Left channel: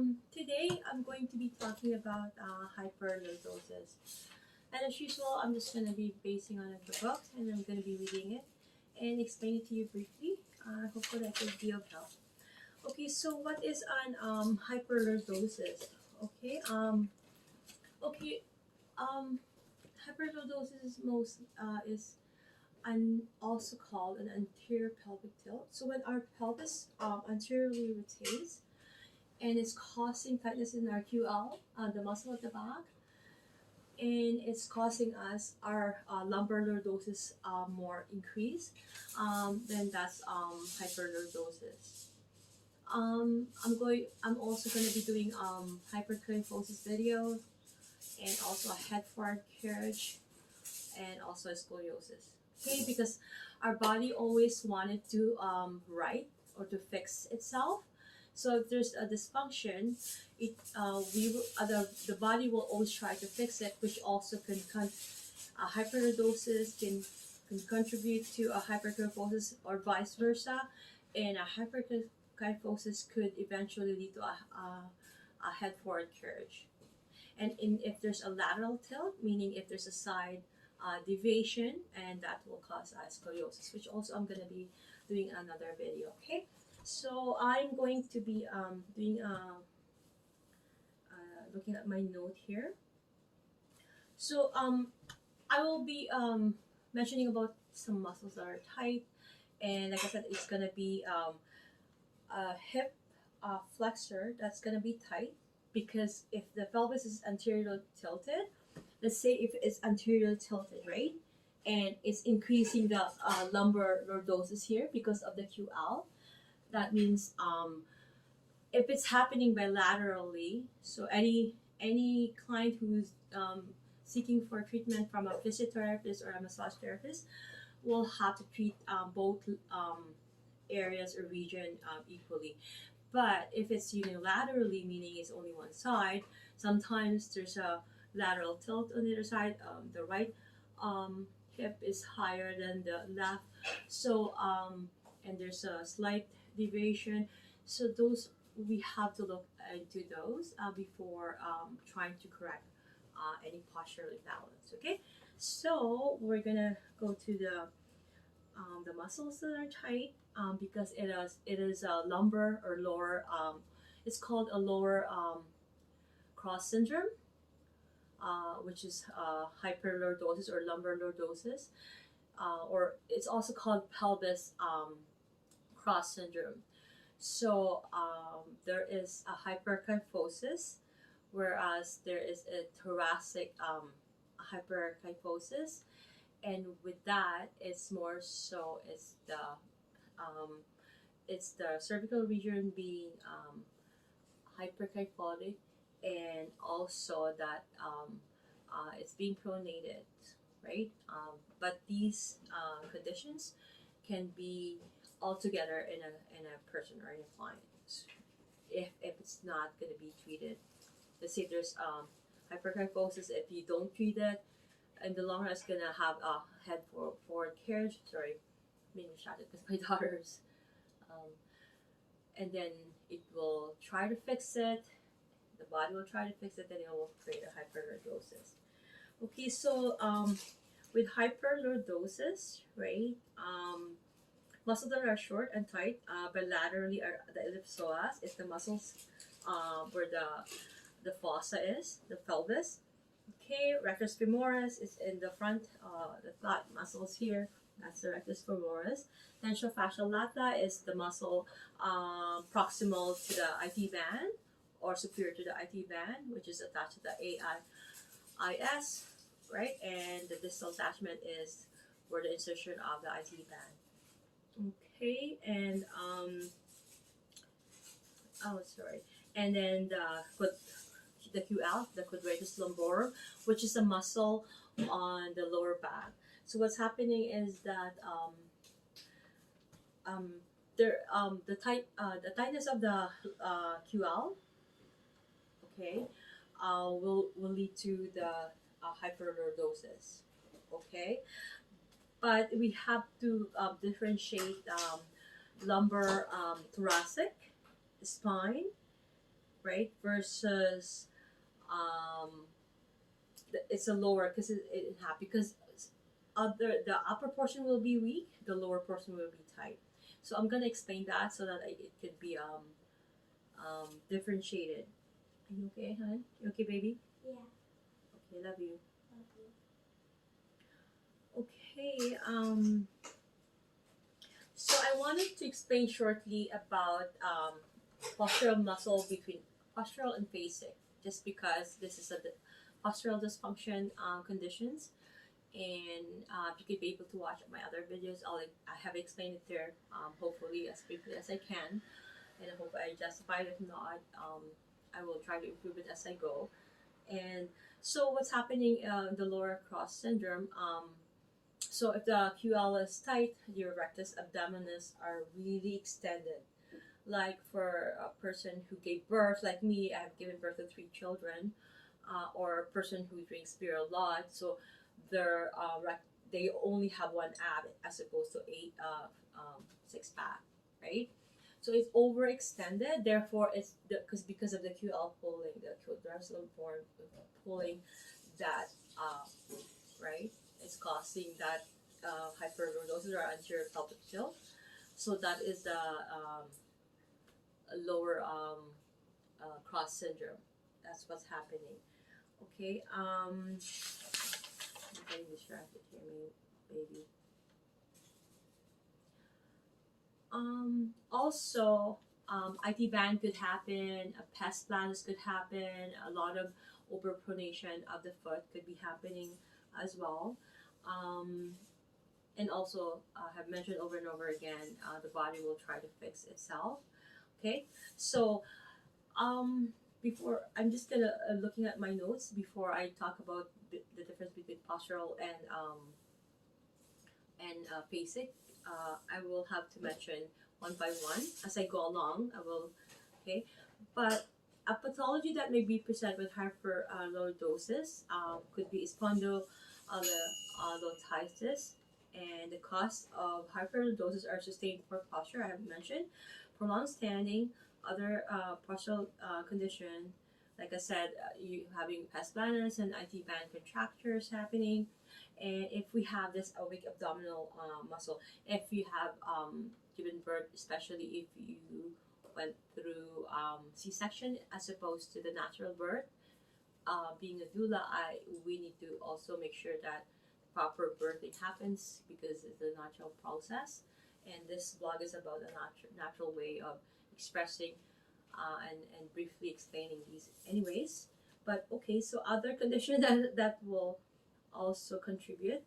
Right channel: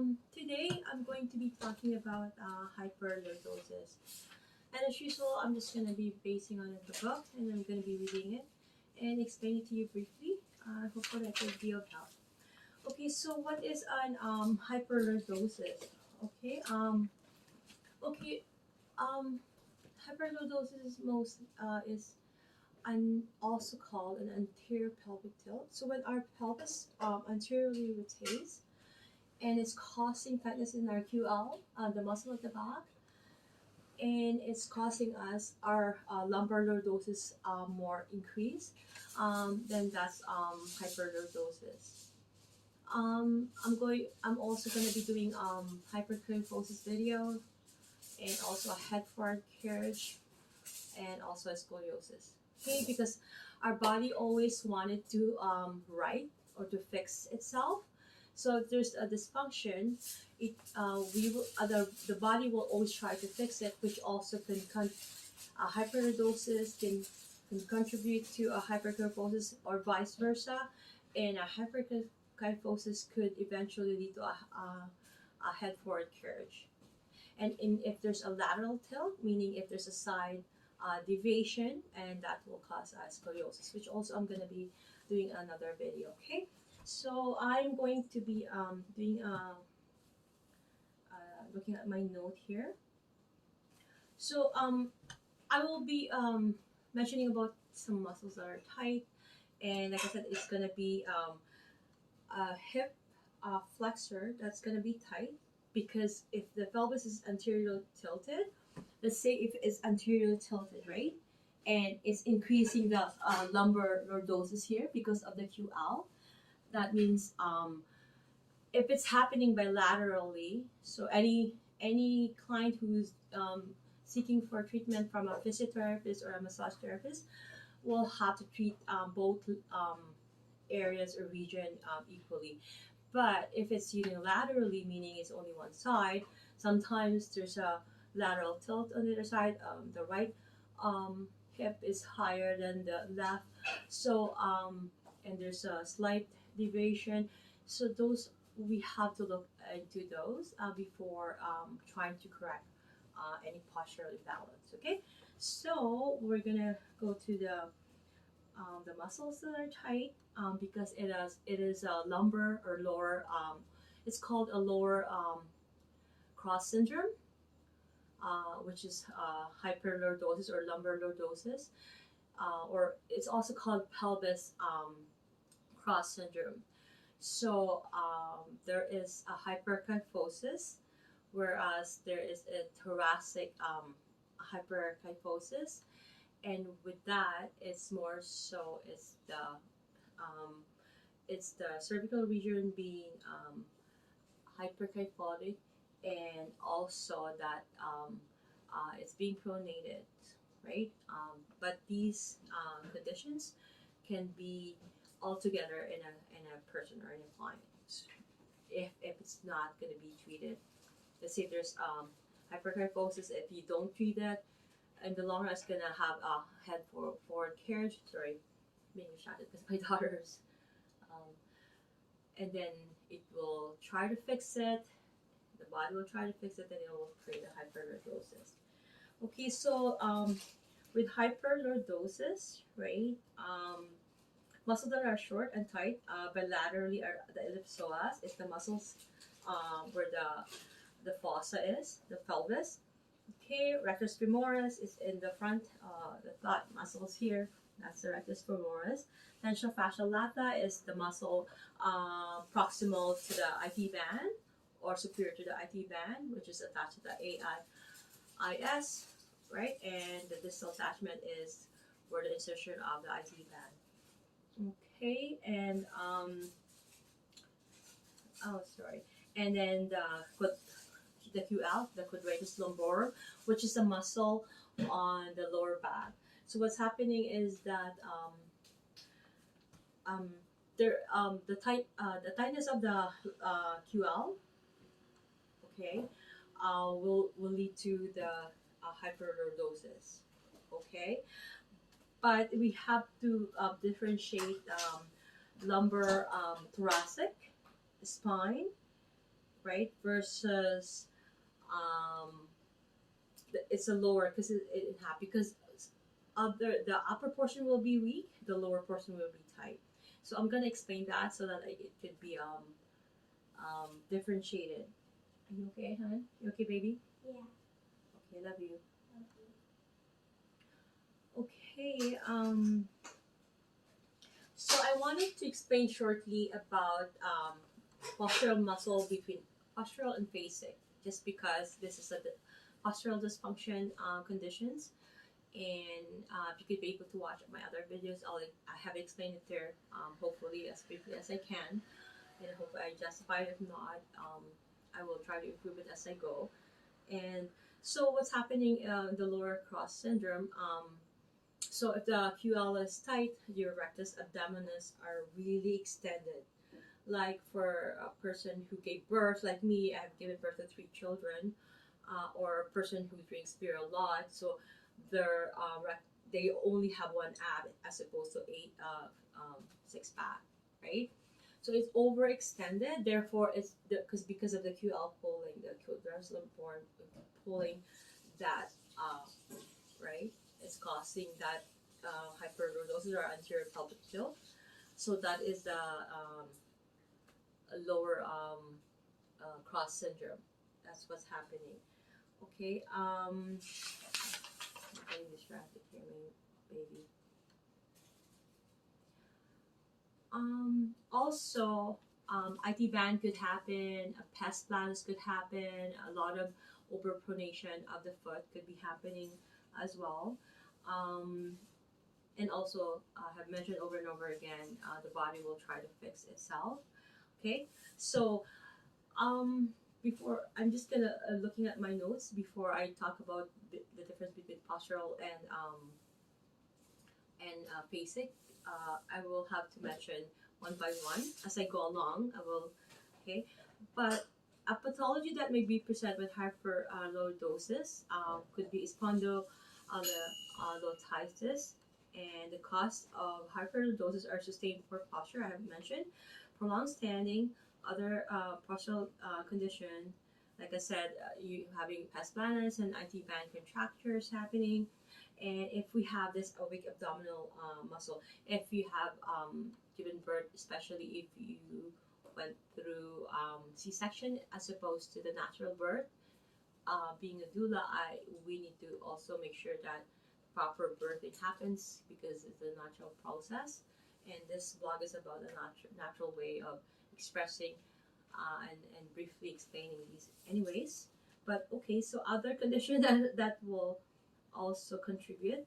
Today I'm going to be talking about hyperlordosis. And as usual, I'm just going to be basing on the book and I'm going to be reading it and explain it to you briefly. Hopefully that will be of help. Okay, so what is an hyperlordosis? Okay, okay, um, hyperlordosis is also called an anterior pelvic tilt. So when our pelvis anteriorly rotates, and it's causing tightness in our QL, the muscle at the back, and it's causing us our lumbar lordosis more increase, then that's hyperlordosis. I'm also going to be doing hyperkyphosis video and also a head forward carriage and also a scoliosis. Okay, because our body always wanted to right or to fix itself. So if there's a dysfunction, the body will always try to fix it, which also hyperlordosis can contribute to a hyperkyphosis or vice versa, and a hyperkyphosis could eventually lead to a head forward carriage. And if there's a lateral tilt, meaning if there's a side deviation, and that will cause scoliosis, which also I'm going to be doing another video. Okay, so I'm going to be looking at my note here. So I will be mentioning about some muscles that are tight, and like I said, it's going to be a hip flexor that's going to be tight, because if the pelvis is anterior tilted, let's say if it's anterior tilted, right, and it's increasing the lumbar lordosis here because of the QL, that means if it's happening bilaterally, so any client who's seeking for treatment from a physiotherapist or a massage therapist will have to treat both areas or region equally. But if it's unilaterally, meaning it's only one side, sometimes there's a lateral tilt on the other side. The right hip is higher than the left, so and there's a slight deviation. So those, we have to look into those before trying to correct any postural imbalance. Okay, so we're gonna go to the muscles that are tight, because it is a lumbar or lower. It's called a lower cross syndrome, which is hyperlordosis or lumbar lordosis, or it's also called pelvis cross syndrome. So there is a hyperkyphosis, whereas there is a thoracic hyperkyphosis, and with that, it's more so it's the cervical region being hyperkyphotic, and also that it's being pronated, right? But these conditions can be altogether in a person or in a client if it's not going to be treated. Let's say there's hyperkyphosis. If you don't treat it, in the long run, it's going to have a head forward carriage. Sorry, being distracted because my daughter's. And then it will try to fix it. The body will try to fix it, then it will create a hyperlordosis. Okay, so with hyperlordosis, right, muscles that are short and tight bilaterally are the ellipsoas. It's the muscles where the fossa is, the pelvis. Okay, rectus femoris is in the front, the thigh muscles here. That's the rectus femoris. Tensile fascial lata is the muscle proximal to the IT band or superior to the IT band, which is attached to the AIS, right? And the distal attachment is where the insertion of the IT band. Okay, and and then the QL, the quadratus lumborum, which is a muscle on the lower back. So what's happening is that the tightness of the QL, okay, will lead to the hyperlordosis. Okay, but we have to differentiate lumbar thoracic spine, right? Versus it's a lower because it happy because the upper portion will be weak, the lower portion will be tight. So I'm gonna explain that so that it could be differentiated. Are you okay, hon? You okay, baby? Yeah. Okay, love you. Love you. Okay. So I wanted to explain shortly about postural muscle between postural and basic, just because this is a postural dysfunction conditions, and if you could be able to watch my other videos, I have explained it there, hopefully as briefly as I can, and I hope I justify it. If not, I will try to improve it as I go. And so what's happening in the lower cross syndrome? So if the QL is tight, your rectus abdominis are really extended. Like for a person who gave birth, like me, I've given birth to 3 children, or a person who drinks beer a lot, so their they only have one ab as opposed to 6 pack, right? So it's overextended. Therefore, it's because of the QL pulling, the quadriceps form pulling that, right? It's causing that hyperlordosis or anterior pelvic tilt. So that is the lower cross syndrome. That's what's happening. Okay. I'm getting distracted here, baby. Also, IT band could happen. A pes planus could happen. A lot of overpronation of the foot could be happening as well. Um, and also, I have mentioned over and over again, the body will try to fix itself. Okay, so before I'm just gonna looking at my notes before I talk about the difference between postural and basic. I will have to mention one by one as I go along. I will, okay, but a pathology that may be present with hyperlordosis could be spondylolisthesis, and the cause of hyperlordosis are sustained poor posture. I have mentioned prolonged standing, other postural condition. Like I said, you having pes planus and IT band contractures happening, and if we have this awake abdominal muscle, if you have given birth, especially if you went through C-section as opposed to the natural birth, being a doula, we need to also make sure that proper birthing happens because it's a natural process. And this blog is about a natural way of expressing and briefly explaining these anyways. But okay, so other condition that will also contribute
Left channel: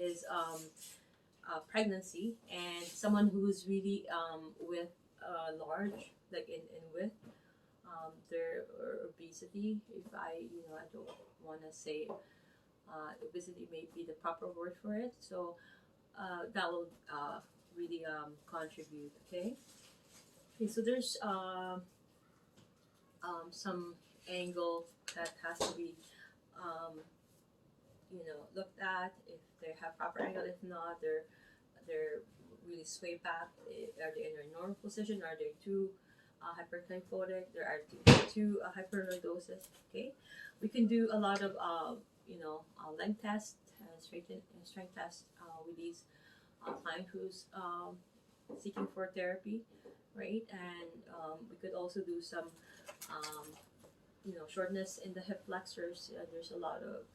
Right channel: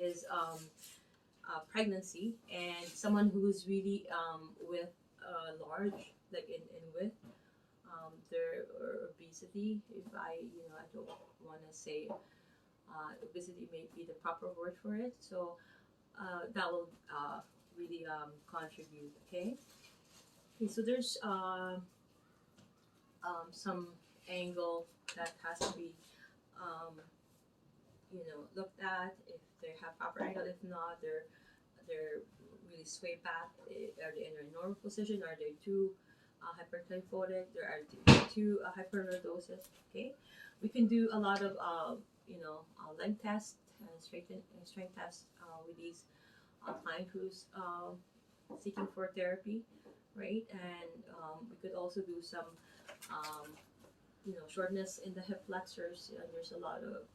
is pregnancy, and someone who's really with large, like in width, their obesity. If I don't want to say obesity may be the proper word for it. So that will really contribute. Okay. Okay. So there's some angle that has to be looked at if they have proper angle. If not, they're really sway back. Are they in a normal position? Are they too hyperkyphotic? There are too hyperlordosis. Okay, we can do a lot of length test and strength test with these client who's seeking for therapy, right? And we could also do some shortness in the hip flexors. There's a lot of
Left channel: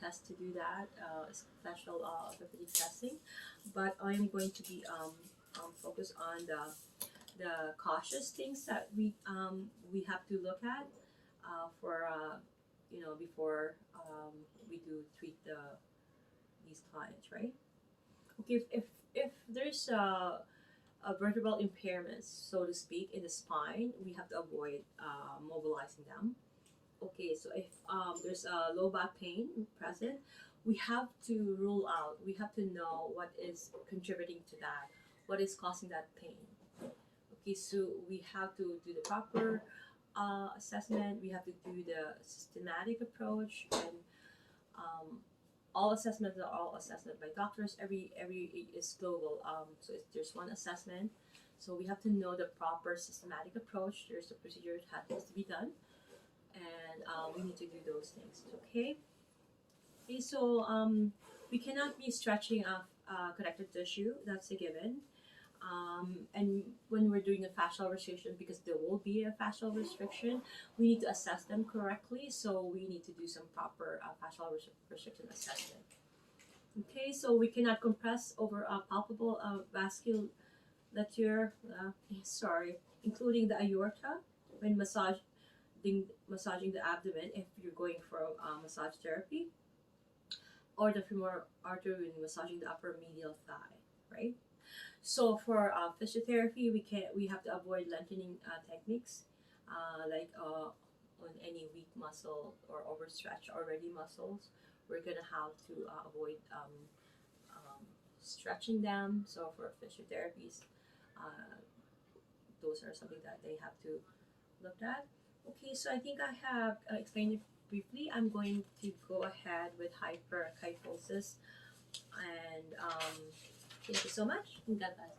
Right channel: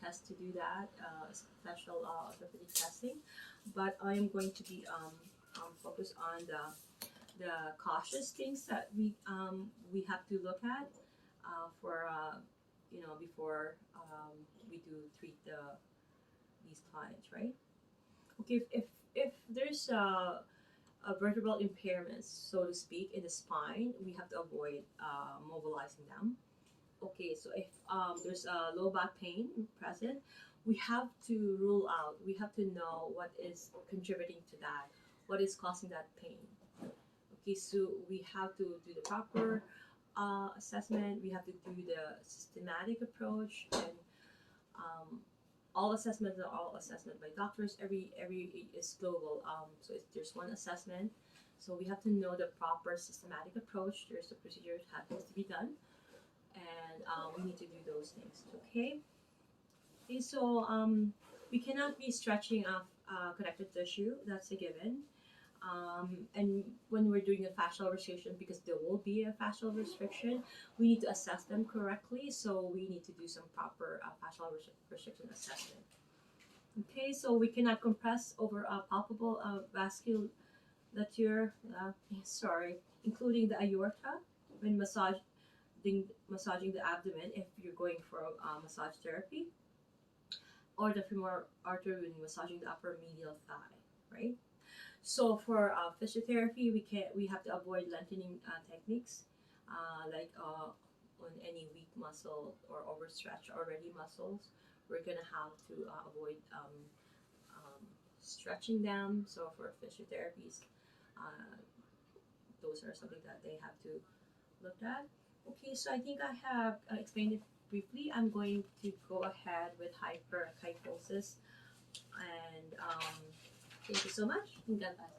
tests to do that, special orthopedic testing. But I am going to be focused on the cautious things that we have to look at for before we do treat these clients, right? Okay, if there's a vertebral impairments, so to speak, in the spine, we have to avoid mobilizing them. Okay, so if there's a low back pain present, we have to rule out, we have to know what is contributing to that, what is causing that pain. Okay, so we have to do the proper assessment, we have to do the systematic approach, and all assessments are all assessment by doctors. Every is global. So if there's one assessment, So we have to know the proper systematic approach. There's a procedure that has to be done, and we need to do those things. Okay. Okay. So we cannot be stretching off connective tissue. That's a given. And when we're doing a fascial restriction, because there will be a fascial restriction, we need to assess them correctly. So we need to do some proper fascial restriction assessment. Okay, so we cannot compress over a palpable vasculature, sorry, including the aorta when massaging the abdomen if you're going for massage therapy, or the femoral artery when massaging the upper medial thigh, right? So for physiotherapy, we have to avoid lengthening techniques, like on any weak muscle or overstretched already muscles. We're gonna have to avoid stretching them. So for physiotherapies, uh, those are something that they have to look at. Okay, so I think I have explained it briefly. I'm going to go ahead with hyperkyphosis, and thank you so much. God bless.